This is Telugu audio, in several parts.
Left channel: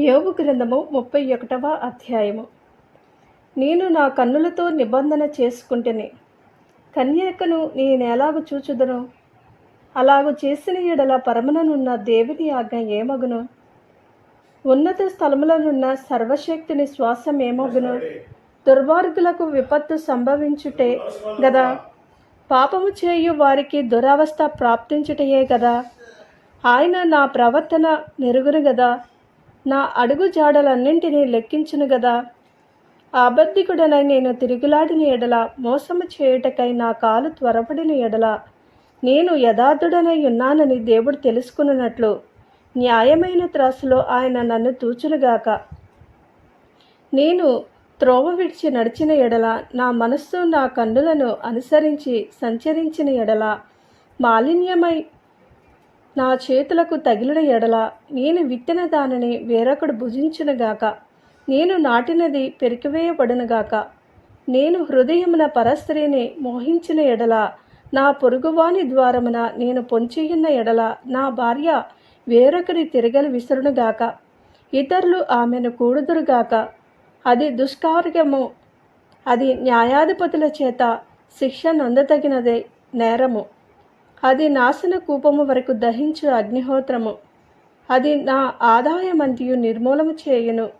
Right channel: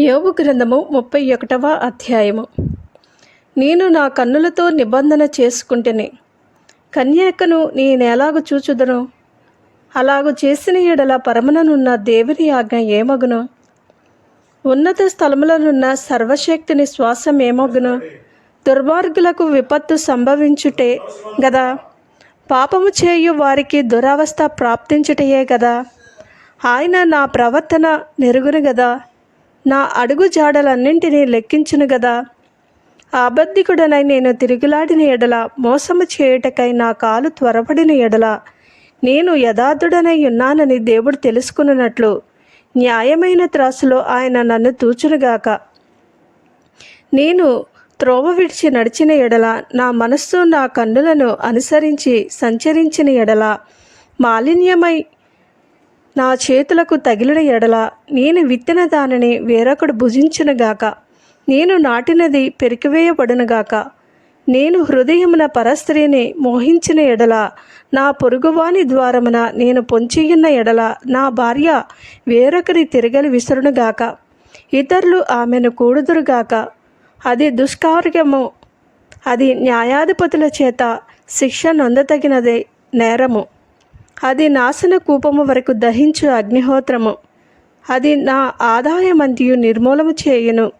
యోగు గ్రంథము ముప్పై ఒకటవ అధ్యాయము. నేను నా కన్నులతో నిబంధన చేసుకుంటేనే కన్యాకను నేనెలాగు చూచుదును? అలాగు చేసిన ఎడల పరమననున్న దేవుని ఆజ్ఞ ఏమగును? ఉన్నత స్థలములనున్న సర్వశక్తిని శ్వాసం ఏమగును? దుర్మార్గులకు విపత్తు సంభవించుటే గదా? పాపము చేయు వారికి దురవస్థ ప్రాప్తించుటయే గదా? ఆయన నా ప్రవర్తన నెరుగును గదా? నా అడుగు జాడలన్నింటినీ లెక్కించును గదా. అబద్ధికుడనై నేను తిరుగులాడిన ఎడల మోసము చేయుటకై నా కాలు త్వరపడిన ఎడల నేను యథార్థుడనై ఉన్నానని దేవుడు తెలుసుకున్నట్లు న్యాయమైన త్రాసులో ఆయన నన్ను తూచునుగాక నేను త్రోవ విడిచి నడిచిన ఎడల నా మనస్సు నా కన్నులను అనుసరించి సంచరించిన ఎడల మాలిన్యమై నా చేతులకు తగిలిన ఎడల నేను విత్తిన దానిని వేరొకడు భుజించునుగాక నేను నాటినది పెరికివేయబడునుగాక నేను హృదయమున పరస్త్రీని మోహించిన ఎడల నా పొరుగువాని ద్వారమున నేను పొంచియున్న ఎడల నా భార్య వేరొకరి తిరగలి విసురునుగాక ఇతరులు ఆమెను కూడుదురుగాక అది దుష్కార్యము. అది న్యాయాధిపతుల చేత శిక్ష నొందతగినదే నేరము. అది నాశన కూపము వరకు దహించు అగ్నిహోత్రము. అది నా ఆదాయమంతియు నిర్మూలము చేయును.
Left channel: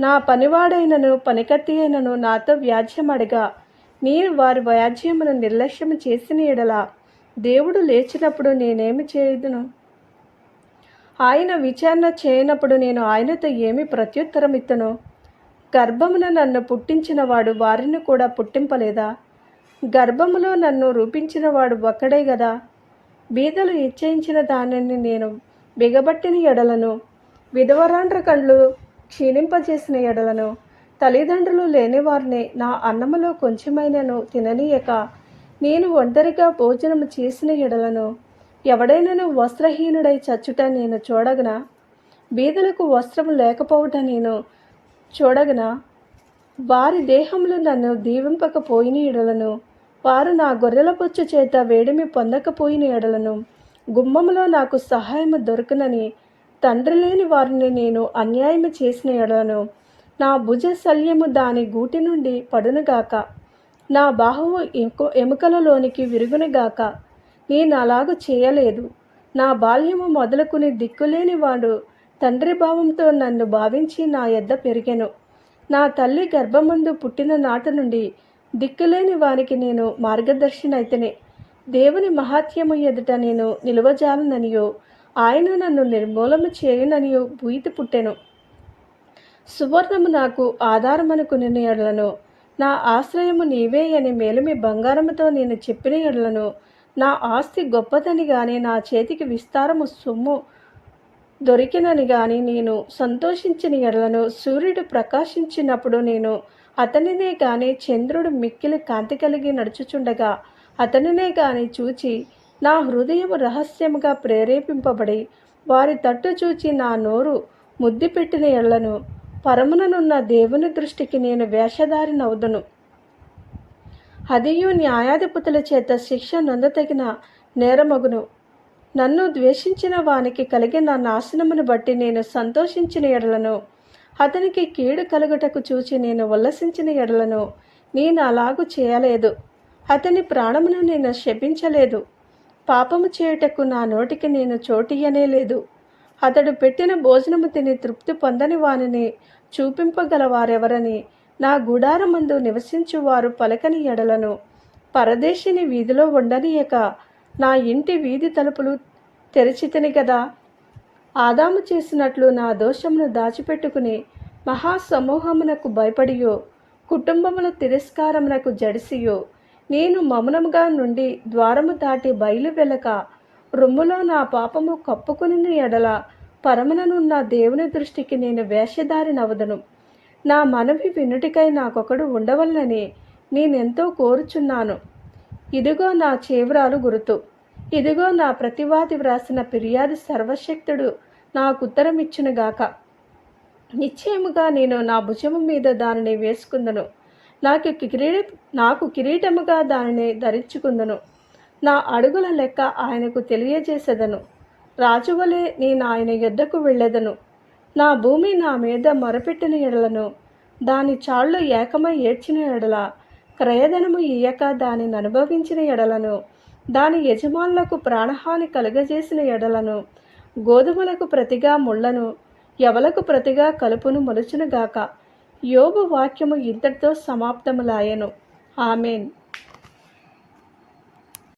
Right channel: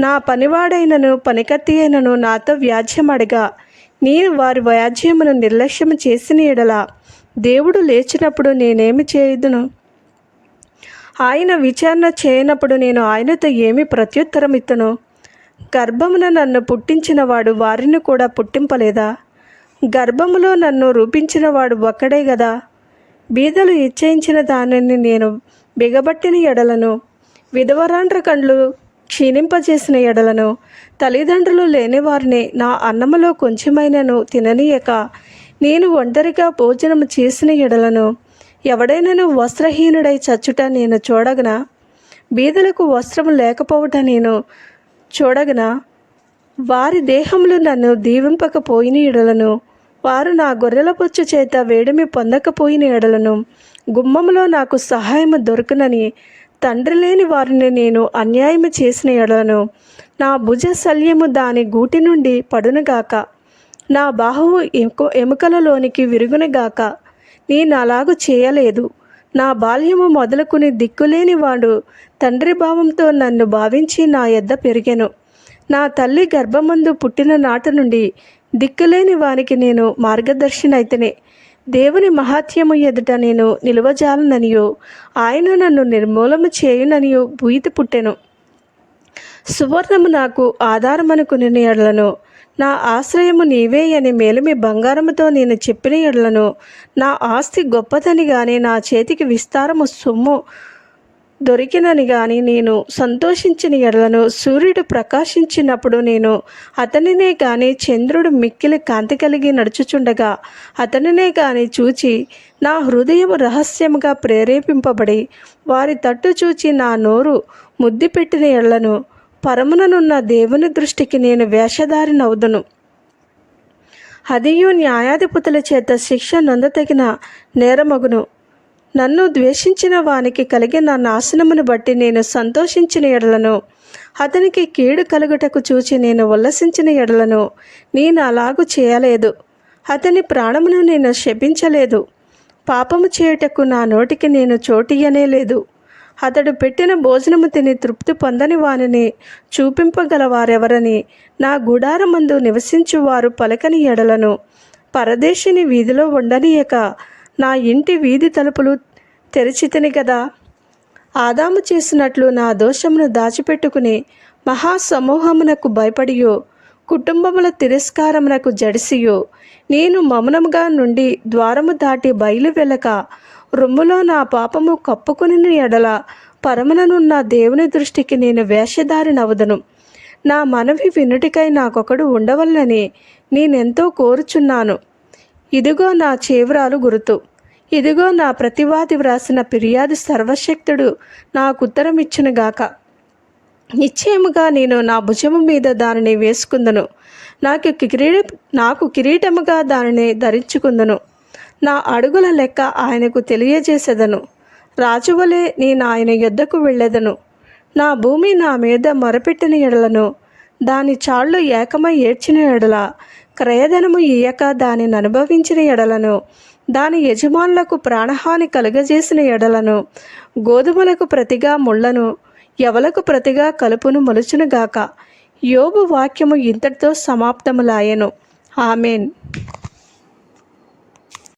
నా పనివాడైనను పనికత్తి అయినను నాతో వ్యాజ్యమడగా నేను వారి వ్యాజ్యమును నిర్లక్ష్యము చేసిన ఎడలా దేవుడు లేచినప్పుడు నేనేమి చేయుదును? ఆయన విచారణ చేయనప్పుడు నేను ఆయనతో ఏమి ప్రత్యుత్తరం ఇత్తను గర్భమున నన్ను పుట్టించినవాడు వారిని కూడా పుట్టింపలేదా? గర్భములో నన్ను రూపించినవాడు ఒక్కడే గదా? బీదలు ఇచ్చయించిన దానిని నేను బిగబట్టిన ఎడలను విధవరాండ్ర కండ్లు క్షీణింపజేసిన ఎడలను తల్లిదండ్రులు లేని వారిని నా అన్నములో కొంచెమైనను తిననీయక నేను ఒంటరిగా భోజనము చేసిన ఎడలను ఎవడైనను వస్త్రహీనుడై చచ్చుట నేను చూడగనా? బీదలకు వస్త్రము లేకపోవట నేను చూడగనా? వారి దేహములు నన్ను దీవింపకపోయిన ఎడలను వారు నా గొర్రెల బొచ్చు చేత వేడిమి పొందకపోయిన ఎడలను గుమ్మములో నాకు సహాయము దొరకనని తండ్రి లేని వారిని నేను అన్యాయము చేసిన ఎడలను నా భుజ శల్యము దాని గూటి నుండి పడునుగాక. నా బాహువు ఎముకలలోనికి విరుగునుగాక. నేను అలాగు చేయలేదు. నా బాల్యము మొదలుకుని దిక్కులేని వాడు తండ్రి భావంతో నన్ను భావించి నా ఎద్ద పెరిగెను. నా తల్లి గర్భమందు పుట్టిన నాటి నుండి దిక్కులేని వానికి నేను మార్గదర్శినైతేనే. దేవుని మహాత్యము ఎదుట నేను నిలువజాలననియో. ఆయన నన్ను నిర్మూలము చేయుననియో భూయితి పుట్టెను. సువర్ణము నాకు ఆధారమనుకుని ఎడలను నా ఆశ్రయము నీవే అని మేలిమి బంగారముతో నేను చెప్పిన ఎడలను. నా ఆస్తి గొప్పదని గాని నా చేతికి విస్తారము సొమ్ము దొరికినని గాని నేను సంతోషించిన ఎడలను సూర్యుడు ప్రకాశించినప్పుడు నేను అతనినే గాని చంద్రుడు మిక్కిలి కాంతి కలిగి నడుచుచుండగా అతనినే గాని చూచి నా హృదయం రహస్యముగా ప్రేరేపింపబడి వారి తట్టు చూచి నా నోరు ముద్దు పెట్టిన ఎళ్ళను పరముననున్న దేవుని దృష్టికి నేను వేషధారినవుదును. అదియు న్యాయాధిపతుల చేత శిక్ష నొందతగిన నేరమగును. నన్ను ద్వేషించిన వానికి కలిగిన నాశనమును బట్టి నేను సంతోషించిన ఎడలను అతనికి కీడు కలుగుటకు చూచి నేను ఉల్లసించిన ఎడలను నేను అలాగు చేయలేదు. అతని ప్రాణమును నేను శపించలేదు. పాపము చేయుటకు నా నోటికి నేను చోటియనే లేదు. అతడు పెట్టిన భోజనము తిని తృప్తి పొందని వానిని చూపింపగల వారెవరని నా గుడారమందు నివసించువారు పలకని ఎడలను పరదేశిని వీధిలో ఉండనీయక నా ఇంటి వీధి తలుపులు తెరిచితిని కదా ఆదాము చేసినట్లు నా దోషమును దాచిపెట్టుకుని మహాసమూహమునకు భయపడియో. కుటుంబముల తిరస్కారమునకు జడిసియో. నేను మౌనముగా నుండి ద్వారము దాటి బయలు వెళ్ళక రొమ్ములో నా పాపము కప్పుకుని ఎడల పరమననున్న దేవుని దృష్టికి నేను వేషధారినవదను నా మనవి వినుటికై నాకొకడు ఉండవల్లని నేనెంతో కోరుచున్నాను. ఇదిగో నా చేవరాలు గురుతు. ఇదిగో నా ప్రతివాది వ్రాసిన ఫిర్యాదు సర్వశక్తుడు నాకు ఉత్తరం ఇచ్చునుగాక నిశ్చయముగా నేను నా భుజము మీద దానిని వేసుకుందను. నాకు కిరీట నాకు కిరీటముగా దానిని ధరించుకుందను. నా అడుగుల లెక్క ఆయనకు తెలియజేసేదను. రాజువలే నేను ఆయన యుద్ధకు వెళ్ళేదను. నా భూమి నా మీద మొరపెట్టిన ఎడలను దాని చాళ్ళు ఏకమై ఏడ్చిన ఎడల క్రయధనము ఇయ్యక దానిని అనుభవించిన ఎడలను దాని యజమానులకు ప్రాణహాని కలుగజేసిన ఎడలను గోధుమలకు ప్రతిగా ముళ్ళను ఎవలకు ప్రతిగా కలుపును మొలుచునుగాక. యోబు వాక్యము ఇంతటితో సమాప్తములాయెను. ఆమెన్.